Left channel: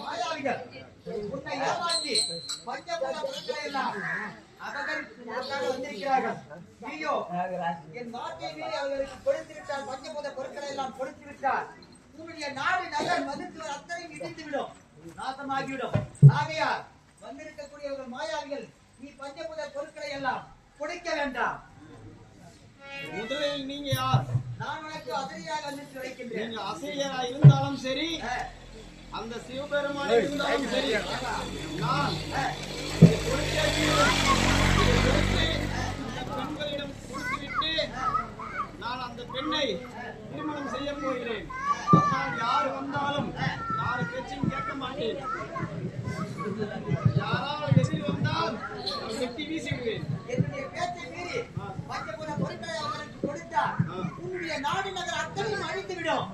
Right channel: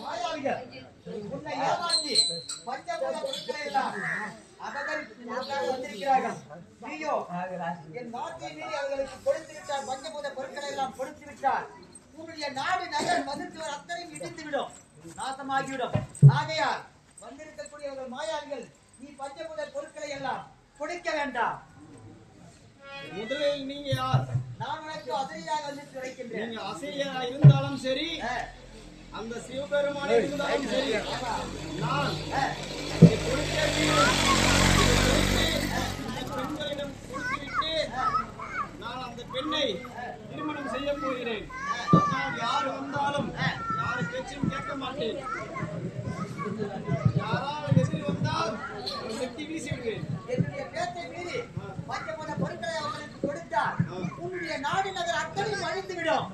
மாயாவிகள் உன்னை ஏமாற்றி பஞ்சபூத பொருட்களை எல்லாம் வந்திருக்கிறார்கள். நீயோ என் வார்த்தை மீறி அவர்களுக்கு கொடுத்து விட்டால், பஞ்சபூத பொருட்களை எல்லாம் கொடுத்து விட்டால் உன்னுடைய நாடு நகர் மதித்துவர் அத்தனையும் இடிந்துவிடும், நாசமாகிவிடும். ஆகையால் வந்திருக்கக்கூடியவர்கள் மாயாவிகள், நீ பஞ்சபூத பொருட்களை எல்லாம் கொடுக்க வேண்டாம். முதலில் நீங்க யார்? நான் உனக்கு அசையாக வந்து கிடைக்கின்றேன். நீங்க அசையா இருந்தாலும் சரி, அந்த சிவபெருமானே இருந்தாலும் சரி, நான் பெண்களிடம் கொடுத்துவிட்டு நான் அந்த பெண்ணை திருமணம் செய்ய போகிறேன். அதனால் யாரு வந்தாலும் யாரு பேச்சும் கேட்க மாட்டேன். யாராவது எதிர் வந்தால் வெட்டி வீசி விடுவேன். என்னுடைய பேச்சை மீறி பஞ்சபூத பொருட்களை அவர்களுக்கு கொடுத்தால் உன்னுடைய நாடு நகர் அத்தனையும் அழிந்துவிடும்.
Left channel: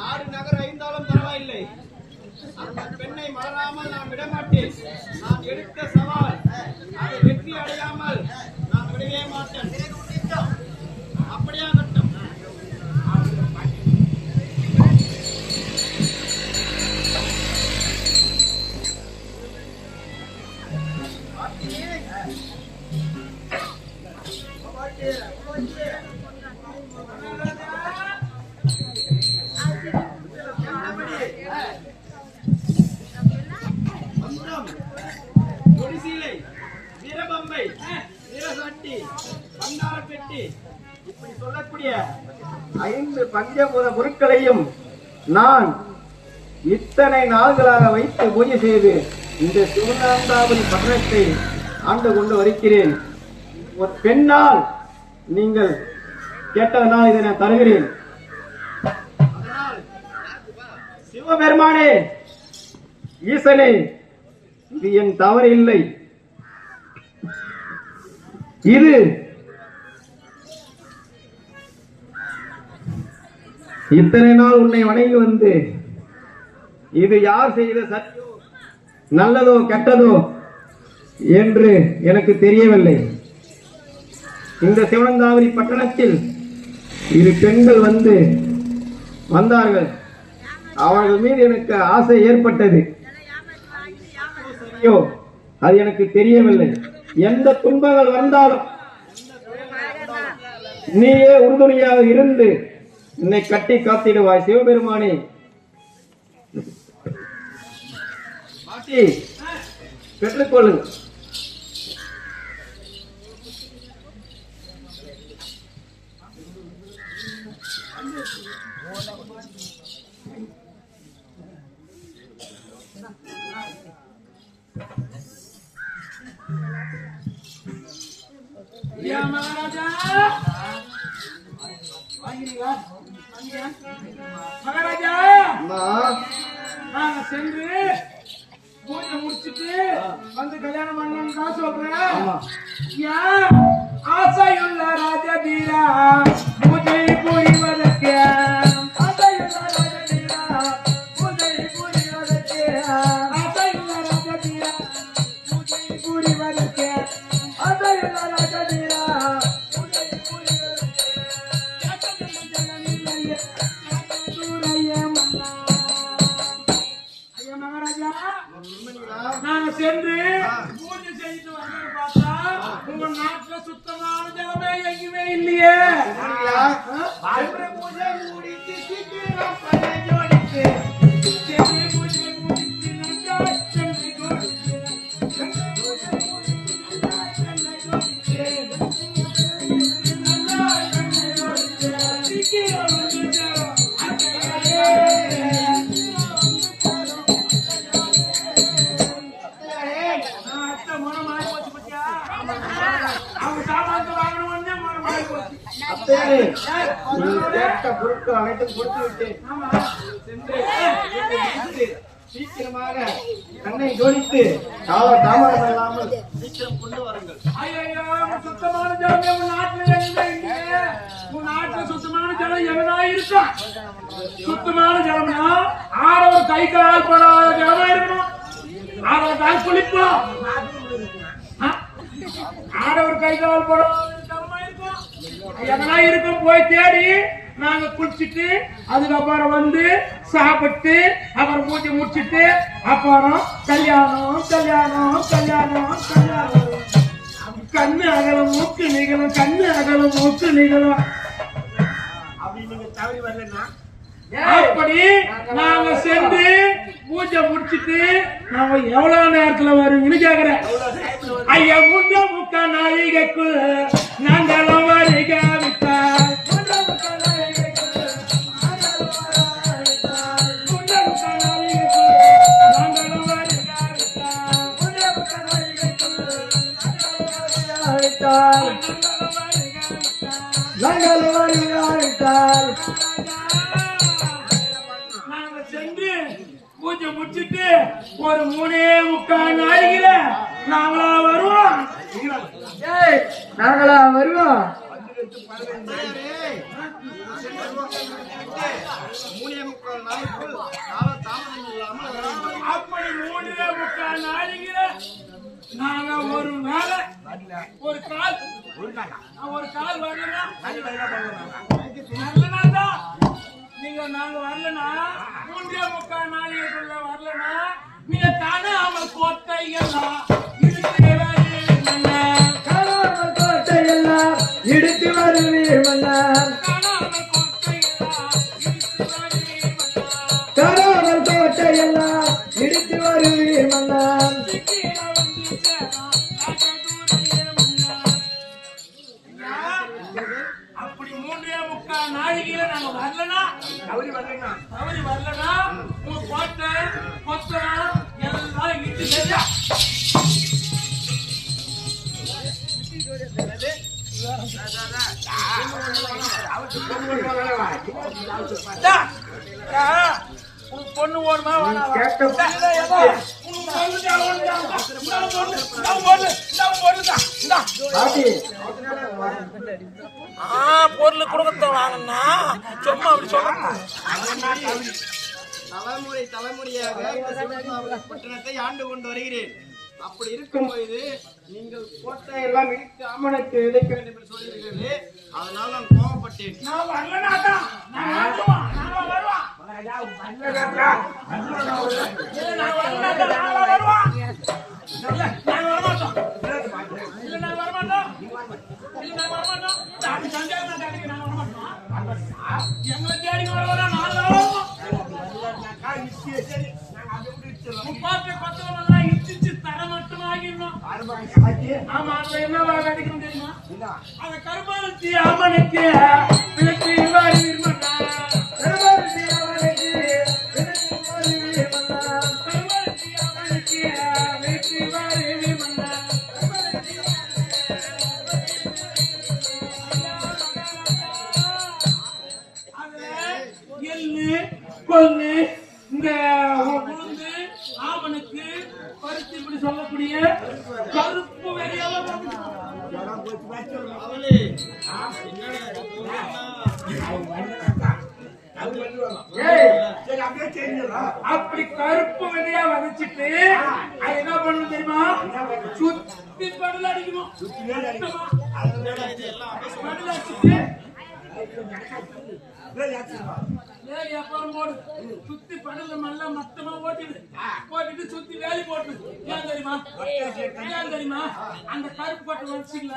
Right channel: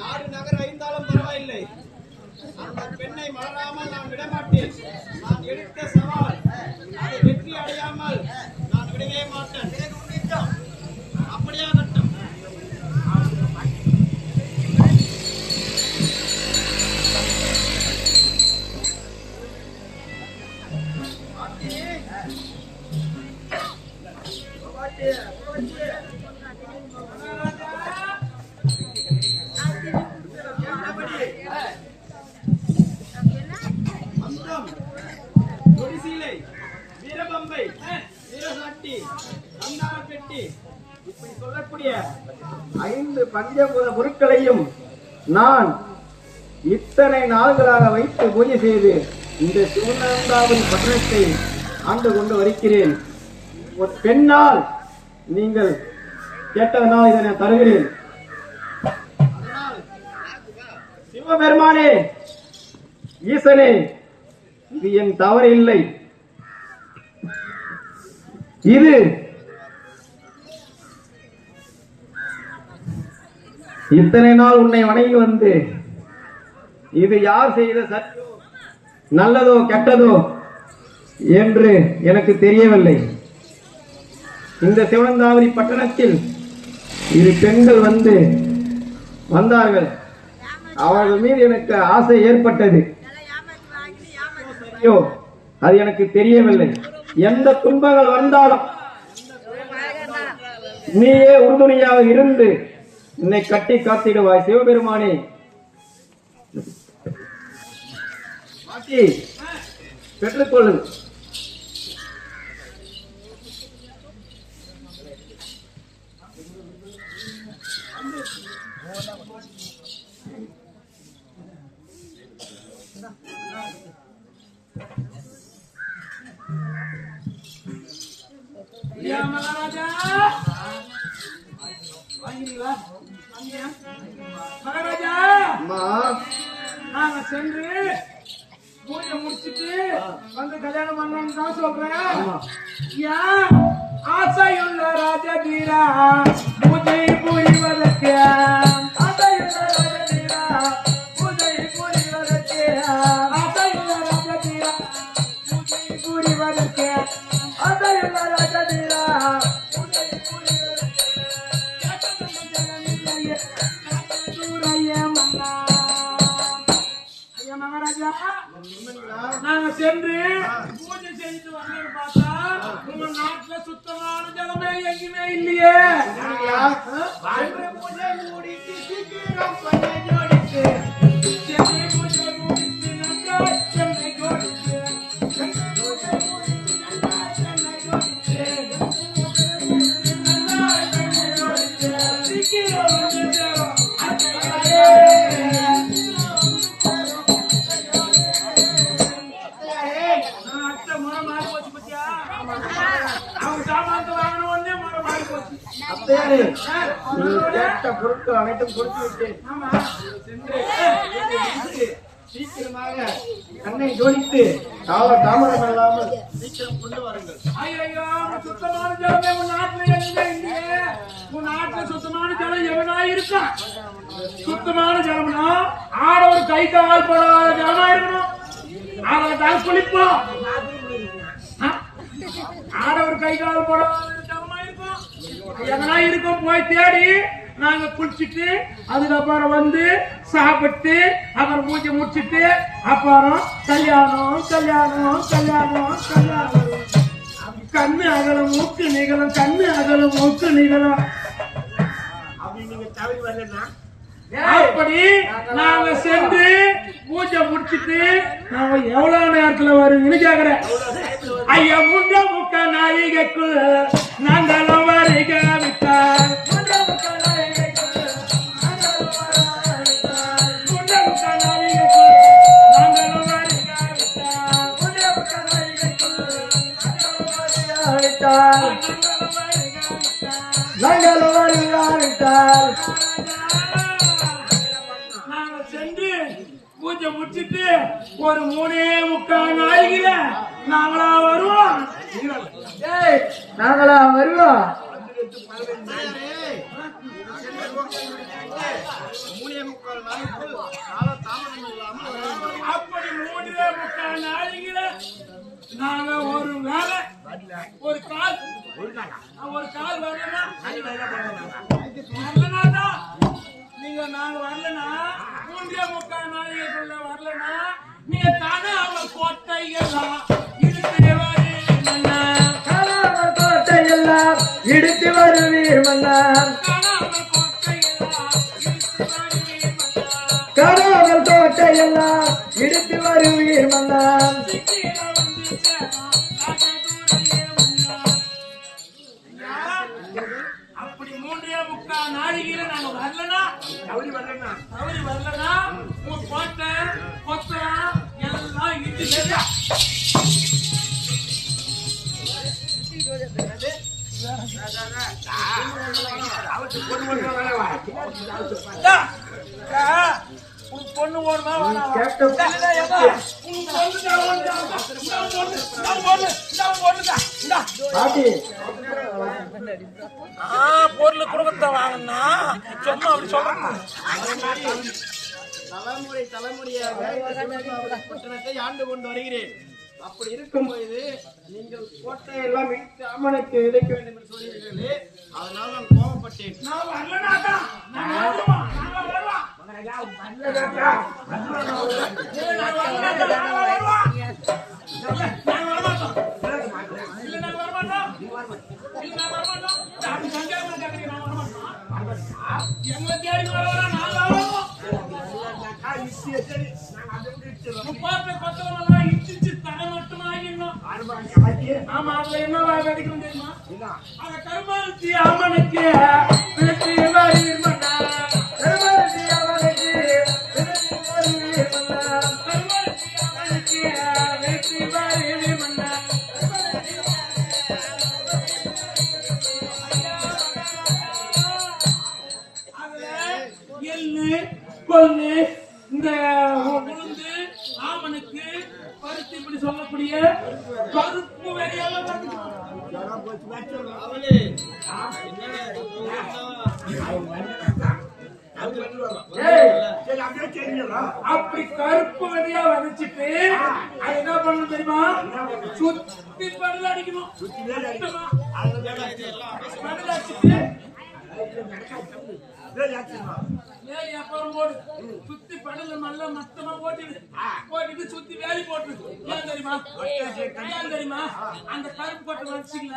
நாடு நகர் அழிந்தாலும் பரவாயில்லை, அந்த பெண்ணை மலராமல் நான் விடமாட்டேன். நான் எடுத்த சவால் அதை வெற்றி அடையாமல் நான் விடவே மாட்டேன். அப்படியா கட்டம்? வீரபம்பை, வீரசாட்டி, வந்தாரப்பெட்டி, இப்படி சொல்லக்கூடிய 5 பஞ்சபூத பொருட்களையும் நான் இத்தனை நாள்களாக வைத்து பூஜை செய்து இந்த சிவனாந்தாபுரி பட்டணத்தை ஆண்டு கொண்டு வருகிறேன். ஒரு பெண்ணால் நீங்கள் கேட்டதனால் இதை நான் தருகிறேன். அதனால் சிவபெருமானே, ஈசனே, இது என் தவறு இல்லை. இது இத்தனை நாள் உன்னை வணங்கி வந்து இது யார் செய்த சத்தியோ நல்லதோ கெட்டதோ என்று எனக்கு தெரியவில்லை. இந்த சிவனந்தாவரி பட்டணத்தில் 2 பெண்கள் வந்தார்கள். அவர்கள் மீது எனக்கு ஆசை ஏற்பட்டது. சரியோ அது எனக்கு தெரியவில்லை. எந்த துன்பங்கள் வந்தாலும் நீயே உறுதுணையாக இருந்து என்னை கட்டி காத்திடுவாய். சிவபெருமானே, மாட்டி பெற்றுக்கொள்ளு. மகாராஜா, மகாராஜா, நாங்க சென்று பூஜை முடிச்சுட்டு வந்து கல்யாணம் பண்ணணும்னு தான் சொல்றேன். ஆசையுள்ள ராஜதீரா பூஜை புரிவதற்கு, ஆசையுள்ள ராஜதீரா பூஜை புரிவதற்கு, ஆசையுள்ள ராஜதீரா பூஜை புரிவதற்கு, ஆசையுள்ள ராஜதீரா பூஜை புரிவதற்கு. மகாராஜா, நாங்க சென்று பூஜை செய்து வந்து பார்த்தா உங்க நாட்டுல சுத்தமான ஜலமே எங்கேயுமே இல்லையே. பூஜை முடித்து சீக்கிரம் பண்ண ஜோடித்து, பூஜை முடித்து நன்றாய் சென்னை ஜோடித்து, பூஜை முடித்து நன்றாய் சென்னை ஜோடித்து, நன்றாய் சென்னை ஜோடித்து, சீக்கிரம் பொருட்கள் அனைத்தும் கொடுத்து விட்டேன். சீக்கிரமாக கண்ணை ஜோடித்து தாமதம் இல்லாமல் சீக்கிரம் கொண்டு வாருங்கள். சுத்தமான ஜலம் உன் நாட்டுல இல்லையே. உன் நாட்டுல சுத்தமான ஜலம் எவனா இருக்கா? சுத்தமான ஜலம்னா ஆடவர் கை கால் படாத ஜலமா இருக்கணும். அதை தான் குளிப்போம். ஆடவர் கை கால் போடாத தரமா இருக்கும். எதனா இருக்கும் போய் தேடி நாங்க குளிச்சுட்டு அதுக்கப்புறம் வந்து சாப்பிட்டு அப்புறம் பூஜை முடிச்சுட்டு அப்புறம் கல்யாணம் கல்யாணம் கல்யாணம் கல்யாணம். கண்ணு அகலம் மூக்கு நிகழும், கண்ணு அகலம் மூக்கு நிகழும். அப்படி நாங்க சென்று பூஜை முடிச்சுட்டு நாம எவ்வளவு நேரத்துல வருவீங்கன்னு கேக்குறேன். ஐயா முண்ட முக்கா நாளிகைக்குள் நாங்களும் வருகாவிட்டார். நாங்க சென்று பூஜை முடிச்சுட்டு ஒரு 3:45 நாளைக்குல நாங்களா வருவோம். நாங்களா வருவோம். 3:45 நாளைக்குள் கால தாமதம் இல்லாமல் அப்படி 3:45 நாளைக்குல நாங்க ஒரு வேலை ஒரு கால் வரலன்னா நீங்க நாங்க வரலனா 3:45 நாளைக்குள்ள வரலனா நீங்க காணாமல் கோட்டையெல்லாம் இடித்து வருவீர் மன்னா. காணாமல் கோட்டையெல்லாம் இடித்து வருவீர் மன்னா. அப்படி 3:45 நாளைக்குல நாங்க வரலனா தவறி வரலனா உங்க கோட்டை கொத்தலாம் எல்லாம் இடிச்சு பொண்ணு ஓடுமா பொருள் குடும்பத்தை வாங்கினா சும்மா அப்படி சொல்ல. தலைமுறையாக இந்த சிவகாபுரி பட்டணத்தை ஆண்டு கொண்டு வருகிறேன். அப்படி இருக்கும் பொழுது நீங்கள் கோட்டையெல்லாம் இழுத்து ஆமணக்கு விதைக்க வேண்டும் என்று சொல்கிறீர்களே, அதனால் நான் கோபப்பட்டேன். எங்களை தேடி கொத்தலாம் இடிச்சு தர மட்டும் ஆகிடணும். ஆமா அதுல என்ன கிடைக்கணும் தெரியுமா? அத கருப்பாருத்தி அம்மனுக்கு விளக்கி எள்ளு கொள்ளு இந்த உளுந்து ஆமனுக்கு பருத்தி இப்படி சொல்லக்கூடிய கருப்பு வெறியெல்லாம் அப்படி கருப்பு வெறியா வதச்சிட்டு அது என்ன பண்ணணும் தெரியுமா? சுத்தி படல அடிக்கணும். படல அடிச்சுட்டு அப்புறம் போடு சுத்தி படல நல்லா மொத்தமா ஓட்டிட்டு சுத்தி வேலி போட்டு. ஏன் தெரியுமா? அந்த கருப்பு போட்டு வச்சுக்கல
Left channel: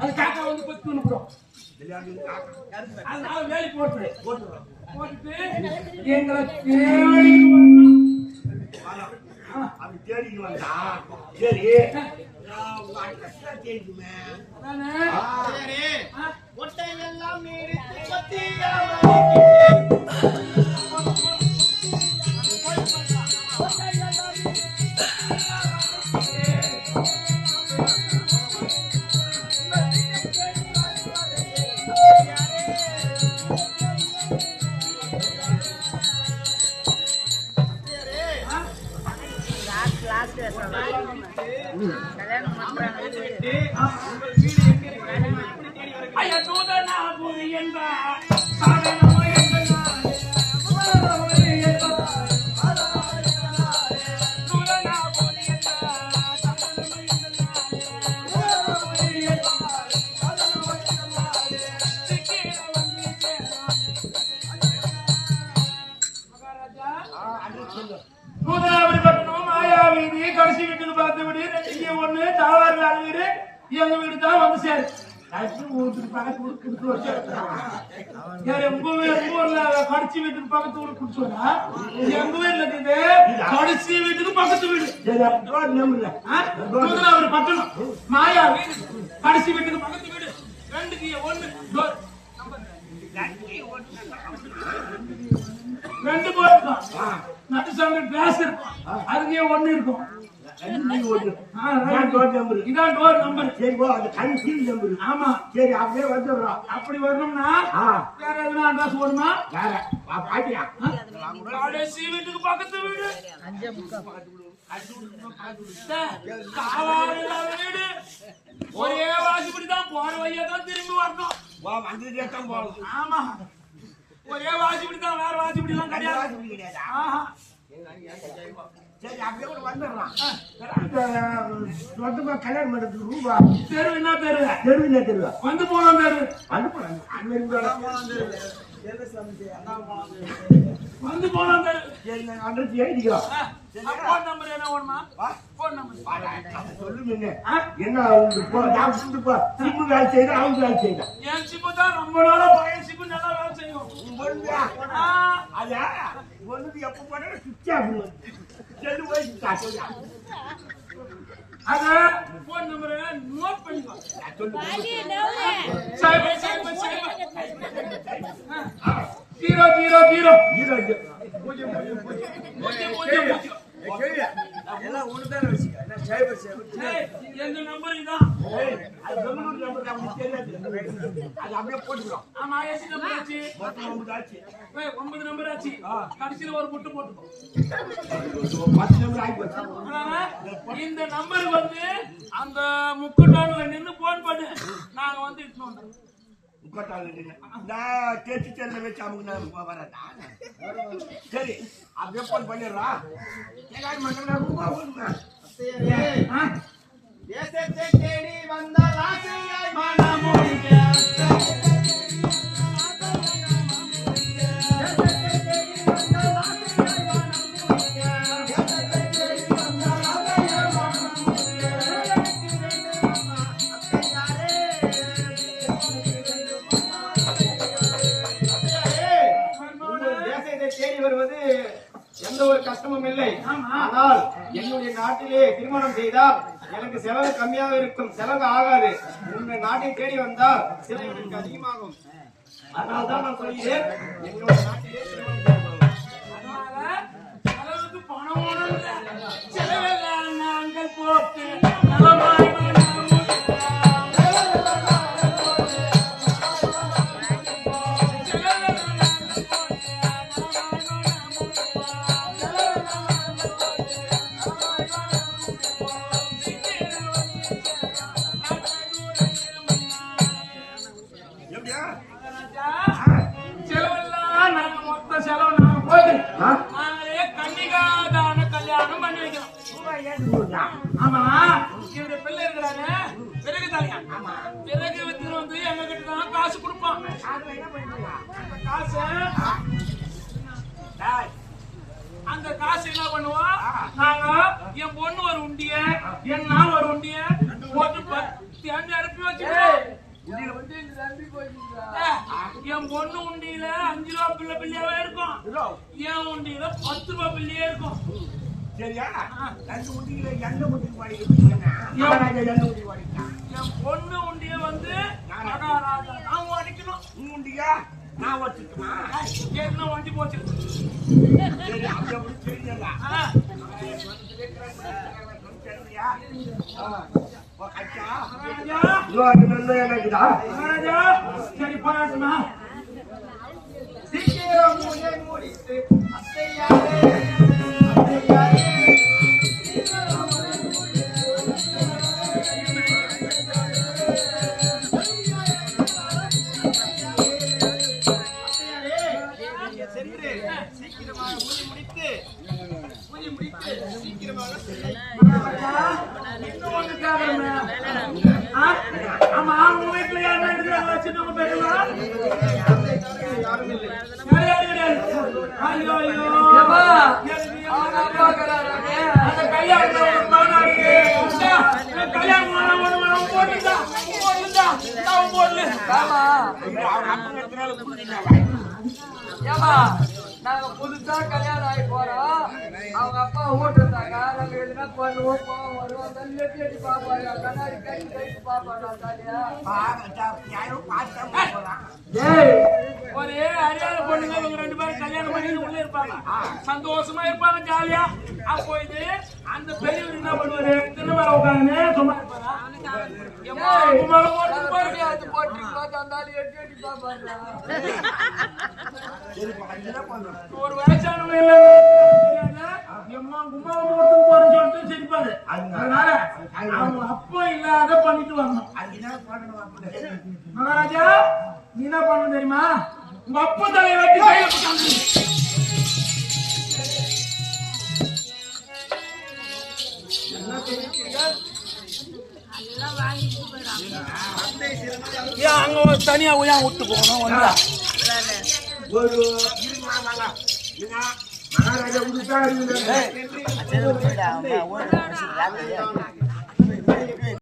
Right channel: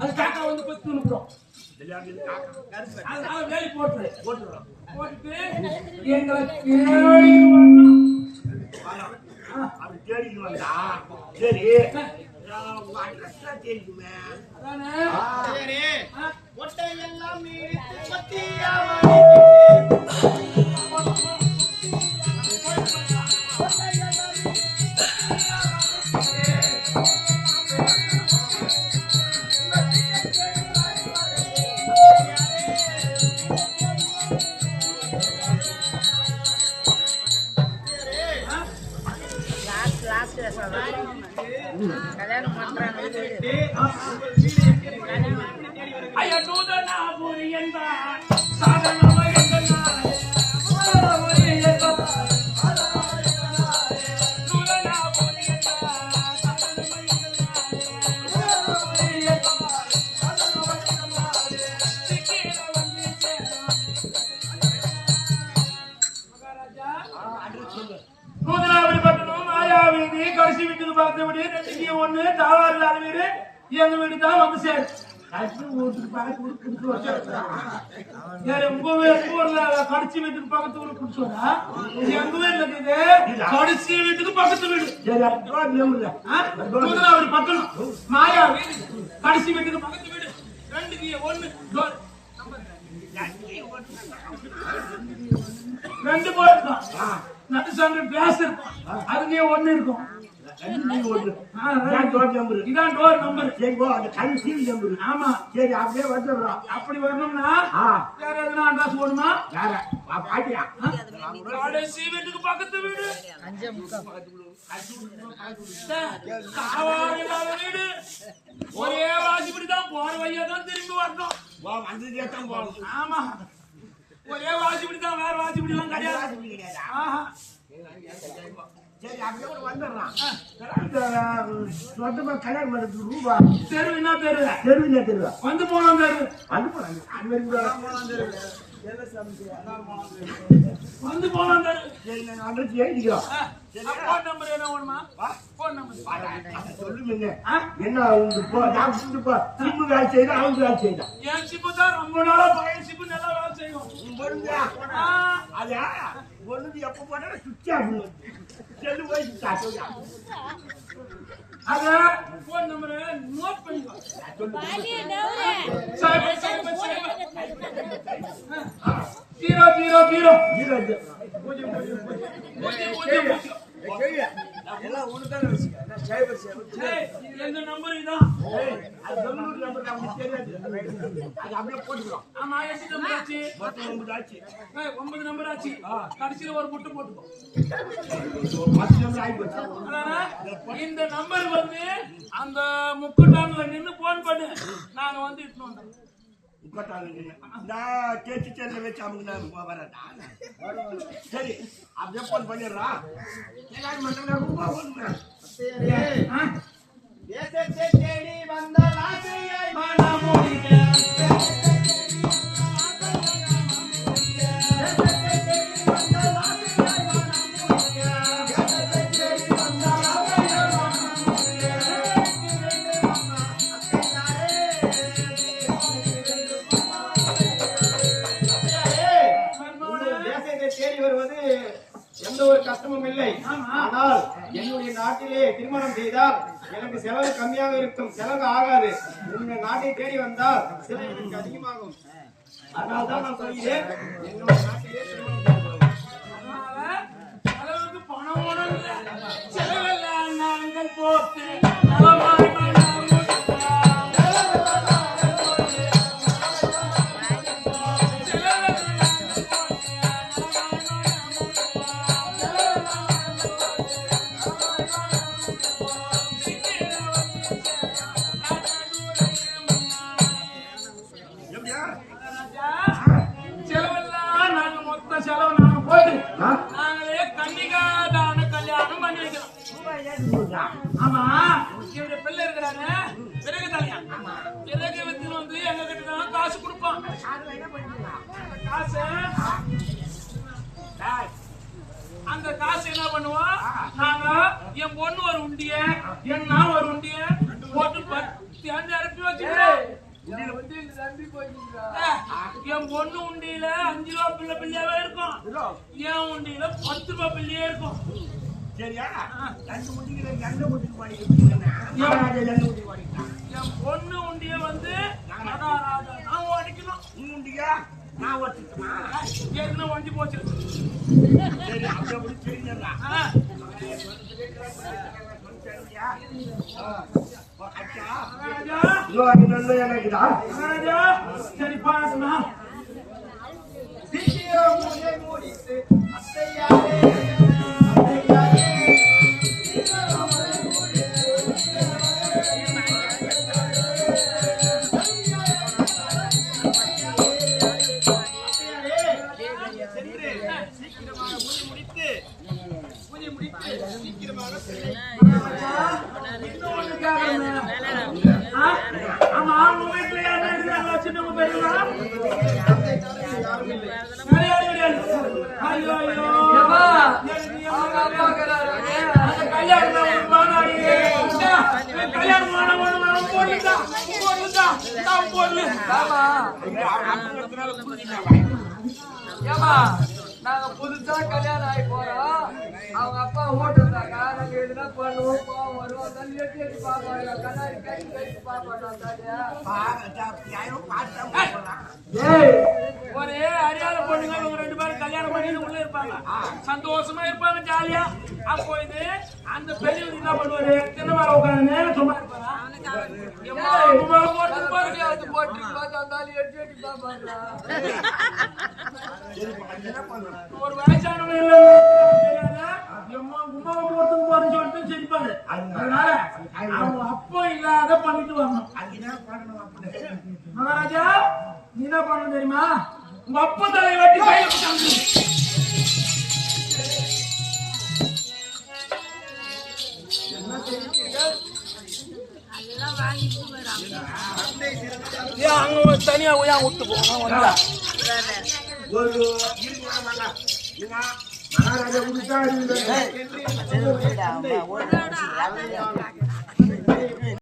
அது காக்கா வந்து கொத்து அனுப்புறோம். அதனால வேலி போட்டுட்டு எங்களை தேடி வந்தா சரி கோட்டையெல்லாம் Thank you. கடிச்சு வீட்டுக்கு பக்கத்து வீடு குடிச்சு வச்சா உங்க ஊர்ல கடிச்சு வீட்டுக்கு பக்கத்து வீடு குடிச்சோடா எங்க வீட்டுல இருக்குது கடிச்சு வீட்டுக்கு பக்கத்து வீடு ஒரு பட்டணம் மாயா வீடு கடிச்சு வீட்டுக்கு பக்கத்து வீடு 2க்கு 1 டோர் நம்பர் 2 போர் இருக்கும் நடு சாமி கிளாஸ் இருக்கும் அதுக்கே 1 இருக்கும் இதான் டோர் நம்பர் ஆமா சரி அப்படியே வந்துடுறோம் அப்படி வரணும்னா வேற எதுனா அட்ரஸ் போடுமா கடைசி வீட்டுக்கு பக்கத்து வீடு காவாறு இல்லாத வீடு ஒரே வாசிப்படிதான் போற வழியா தான் திரும்பி வரணும் ஆமா ஒரே வாசிப்படிதான் வேற வாசிப்படி எல்லாம் கிடையாது ஆஹா சரி அப்படியே கூட வந்துடுறான் சொந்தமா கல்யாணம் பண்றதுக்கு ரூபா தெரு என்ன தெரு வந்து போனோம் தெரு வந்து போனோம் தெரு சரி நான் அட்ரஸ் எழுதிக்கிறோம் போன் நம்பர் என்ன வேணுமா போன் நம்பர் சொல்லுங்க என்ன சிம்மு வேலை செய்யணும் அவங்க வேலை செய்யணும் என் சிம்மு தான் ரொம்ப நாளா பழைய சிம்மு நல்லா வேலை செய்யும் அதா ஒண்ணுது எப்ப போனா சுவிட்ச் ஆகும் செல்லு போய் அத போன் நம்பர் நோட் பண்ணிக்கோ எல்லாம் ஒண்ணுதானே வச்சுக்க எந்த நம்பர் இதான் அது பெங்களூர் நம்பர் தான் உங்களுக்கு தெரியாது அது அப்படியே போட்டுக்கிறோம் ஆமா எத்தனை நம்பர் ஆச்சு மொத்தம் 9 ஆச்சு 9 நம்பர் ஆச்சு கடைசில ஒரு முட்டு போட்டுக்கோ 10 நம்பர் ஆகி போச்சு இந்த நம்பர் வந்து அந்த முக்கட்டான்ல நின்னு போன் பண்ணு நாங்க வந்து இட்டு வந்தோம் முக்கட்டான்ல நின்னு நான் கேச்சு செல்ல வச்சு அவங்க வரதா சரி அப்படியே போன் பண்ணிடுறா ஏகாடி மட்டும் ரூபா போடுங்க தேசத்தை தேடி வந்த ஆசையாய் மனமுடிக்க எந்த ஒரு கஷ்டமும் இல்லை ஆனால் என்னுடைய நாட்டிலே திருமணம் செய்தால் எனக்கு செலவு கம்மியாக இருக்கும் செலவு ஆகாது உங்க நாட்டை தேடி வந்தால் செலவு எனக்கு அதிகமாகும் அதனால தான் நான் சொல்கிறேன் என்னுடைய நாட்டிலே திருமணம் அதனால செலவுக்கு பணம் ஒண்ணும் செலவெல்லாம் நாங்கள் போட்டு ஆமா என்னுடைய பிள்ளை இருக்கிறாங்க பிறகு தலையா பிறகு வந்து எங்க கிட்ட தான் காசு கொடுப்பான் அந்த காசு என்ன பண்ணுவோம் நாங்க என் பொண்ணு ஒரு உண்டிய என்ன ஒரு உண்டிய போட்டு 10 அனுப்பி வச்சுக்கிறோம் என் பொண்ணு உண்டியில 5 ரூபா பிள்ளையாவே இருக்கும் என் உண்டியில 10 ரூபா பிள்ளையே இருக்கும் சரியா 2 உண்டியில எந்த உண்டிக்கு பாடி என் பொண்ணு உண்டிய வந்து மகாராஜா நான் ஓடிக்கணும் உண்டியா நான் ஓட்டிட்டுமா என்ன வண்டி போச்சு சரி அப்படி தெரிஞ்சா சரி பாருமா சீக்கிரம் முடித்து யாரும் இல்லை. வேற யாரும் கிடையாது. ஐயோ ஐயோ ஏம்மா, அவங்க அப்பா இருக்கிறாரு. அந்த கல்யாணம் ஒரு மாநாடு. கல்யாணம் போடலுதா போடலு. ஆமா. ஏம்மா, நாங்க புதுசா கல்யாணம் ஆகி போறோம். அவங்க அப்பா ஓட்டுருந்தாங்க. நாங்க எதுனா பண்ணுவோம் போவோம் வருவோம். தள்ளி எட்டி எட்டி பாப்பாங்க. கண்ணாடி கட்டி கட்டி பாப்பாங்க தாலியா. ஏய், ஒரே அறியாத பொண்ணுங்க இவங்க 2 பேரும் கல்யாணம் பண்ணிட்டு உள்ள இருப்பாங்க. சந்தோஷமா இருப்பாங்க ஜாலியா. அப்போ இது அந்த பெரியவர் என்ன பண்ணுவாரு? திருமணம் உட்காந்து சும்மா இருப்பாரா? எம்மா, கும்மாள போட்டு நாங்க பாருங்க. பெரியாவது போட்டுருக்கோம். தந்தாலி எட்டி எட்டி பாப்பாங்க. ஒரு வயசானவங்க இல்ல எம்மா கும்மாள போட்டு போறேன்னு சொல்லிட்டு சிரிப்பாரு. அதனால அவங்க அப்பா இல்லாத பண்ணிட்டு வரணும். மகாராஜா, நீ என்ன பண்ணணும் தெரியுமா? உங்க அப்பா தலையை வெட்டி கையில போட்டாங்க. ஏன் அங்க தனியா ஏன் விட்டு போகணும்? ஒரு மகாராஜா என்று தந்தை அதை நான்